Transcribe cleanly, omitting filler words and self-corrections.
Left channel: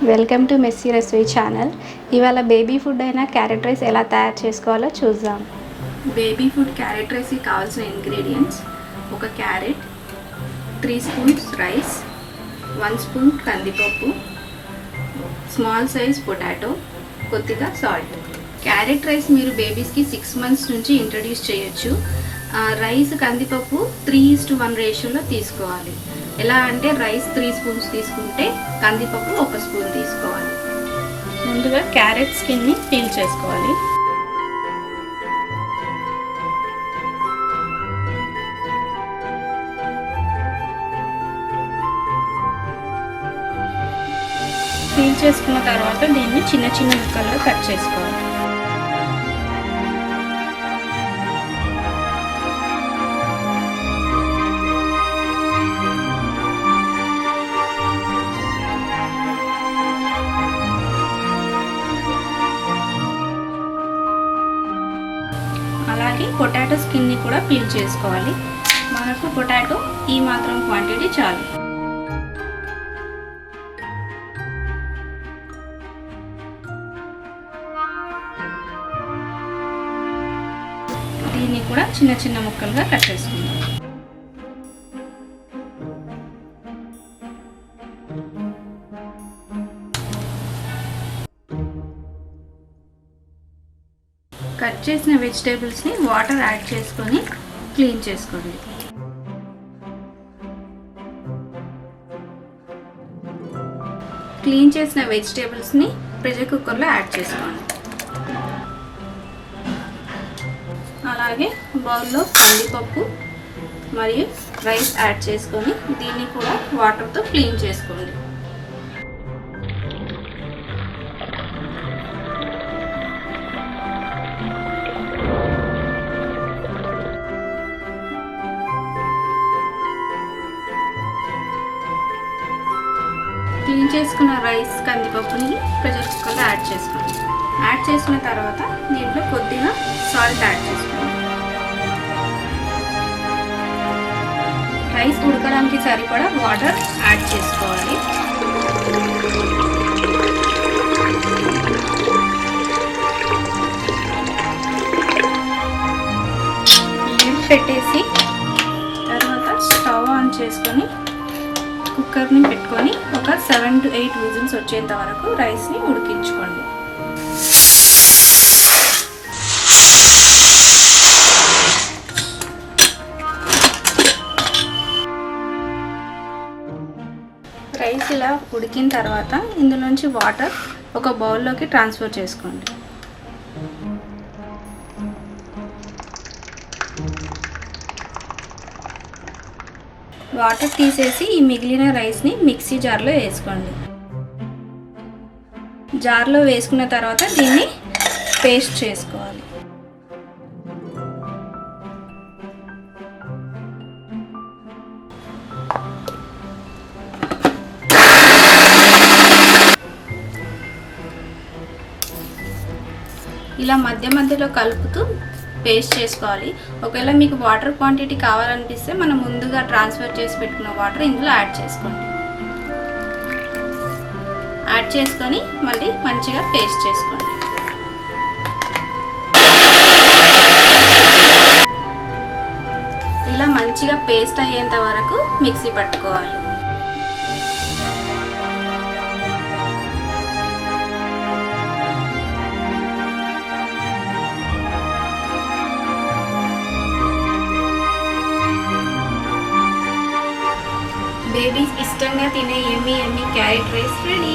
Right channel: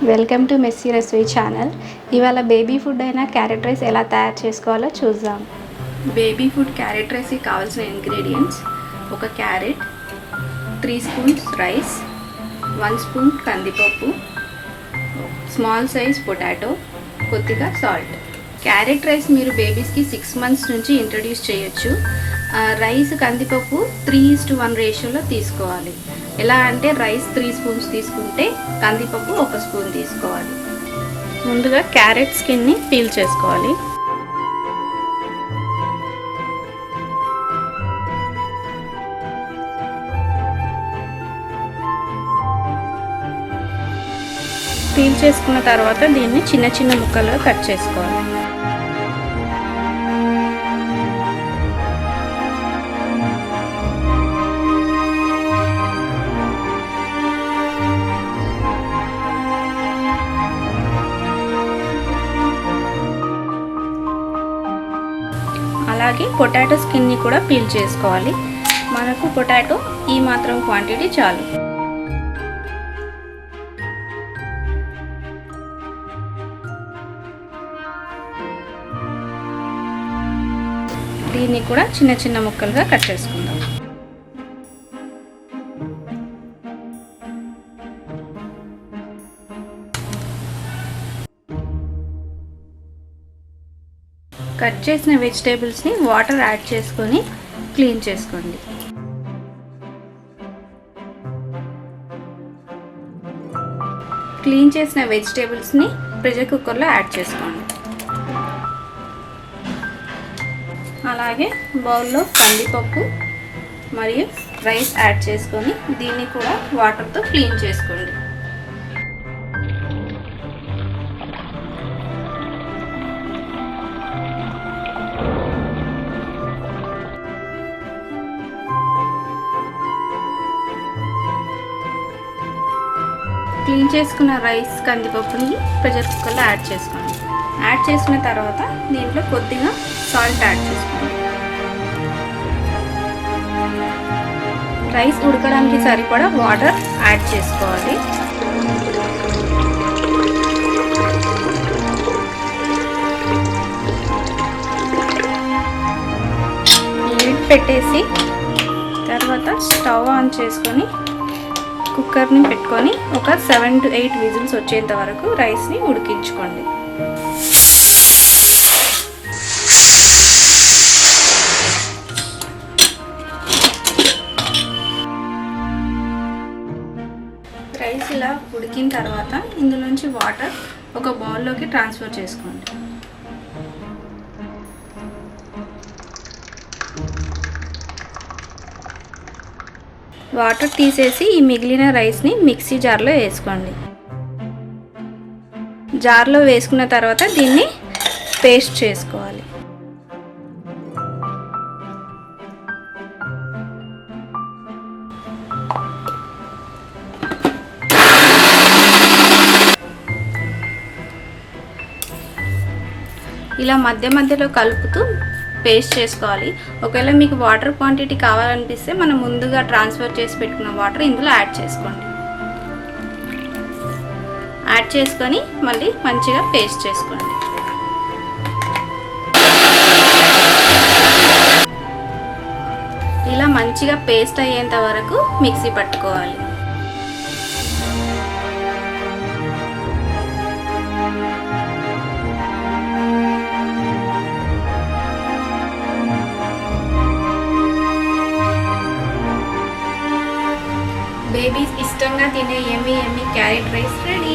Welcome to messy Rasoi channel. ఇవాళ baby food అయిన carrot rice ఎలా తయారు చేసుకోవాలో చూద్దాం. బేబీ ఫుడ్ క్యారెట్ రైస్కి కావాల్సిన ఇంగ్రీడియంట్స్: ఒక క్యారెట్, 3 స్పూన్స్ రైస్, 1 స్పూన్ కందిపప్పు, స్మాల్ సైజ్ పొటాటో, కొద్దిగా సాల్ట్. క్యారెట్ రైస్ మీరు బేబీస్కి 6 మంత్స్ నుంచి ఇంట్రడ్యూస్ చేయొచ్చు. రైస్ కందిపప్పు 3:1 రేషియోలో తీసుకోవాలి. ఎలా అంటే రైస్ 3 స్పూన్స్ తీసుకుంటే కందిపప్పు 1 స్పూన్ తీసుకోవాలి. ముందుగా క్యారెట్ స్కిన్ని పీల్ చేసుకోవాలి. పీల్ చేసుకున్న తర్వాత దీన్ని చిన్న చిన్న ముక్కలుగా కట్ చేసుకోవాలి. అలాగే పొటాటో స్కిన్ని కూడా పీల్ చేసుకోవాలి. మనకు పొటాటో ఈ మాత్రం క్వాంటిటీ చాలు. దీన్ని కూడా చిన్న చిన్న ముక్కలుగా కట్ చేసుకుందాం. కట్ చేసిన వెజిటేబుల్స్ని వాటర్ యాడ్ చేసుకొని క్లీన్ చేసుకోండి. క్లీన్ చేసిన వెజిటేబుల్స్ని ప్రెషర్ కుక్కర్లో యాడ్ చేసుకోండి. అలాగే బౌల్లో కందిపప్పు మరియు రైస్ యాడ్ చేసుకొని దీన్ని కూడా వాటర్తో క్లీన్ చేసుకోండి. క్లీన్ చేసుకున్న రైస్ కందిపప్పుని ప్రెషర్ కుక్కర్లో యాడ్ చేసుకోండి. యాడ్ చేసిన తర్వాత దీంట్లో కొద్దిగా సాల్ట్ యాడ్ చేసుకోండి. రైస్ ఉడకడానికి సరిపడా వాటర్ యాడ్ చేసుకోవాలి. లిడ్ పెట్టేసి తర్వాత స్టవ్ ఆన్ చేసుకొని కుక్కర్ని పెట్టుకొని ఒక 7 to 8 విజిల్స్ వచ్చేంత వరకు రైస్ని ఉడికించుకోండి. రైస్ ఇలా ఉడికిన తర్వాత ఇందులోంచి వాటర్ ఒక బౌల్లోకి ట్రాన్స్ఫర్ చేసుకోండి. వాటర్ తీసేసి ఈ మిగిలిన రైస్ని మిక్సీ జార్లో వేసుకోండి. జార్లో వేసుకున్న తర్వాత దీన్ని పేస్ట్ చేసుకోవాలి. ఇలా మధ్య మధ్యలో కలుపుతూ పేస్ట్ చేసుకోవాలి. ఒకవేళ మీకు వాటర్ క్వాంటిటీ కావాలనిపిస్తే మనం ముందుగా ట్రాన్స్ఫర్ చేసి పెట్టుకున్న వాటర్ ఇందులో యాడ్ చేసుకోండి. యాడ్ చేసుకొని మళ్ళీ మంచిగా పేస్ట్ చేసుకోండి. ఇలా మంచిగా పేస్ట్ అయ్యేంత వరకు మిక్సీ పట్టుకోవాలి. బేబీస్ ఇష్టంగా తినే యమ్మీ క్యారెట్ రైస్ రెడీ.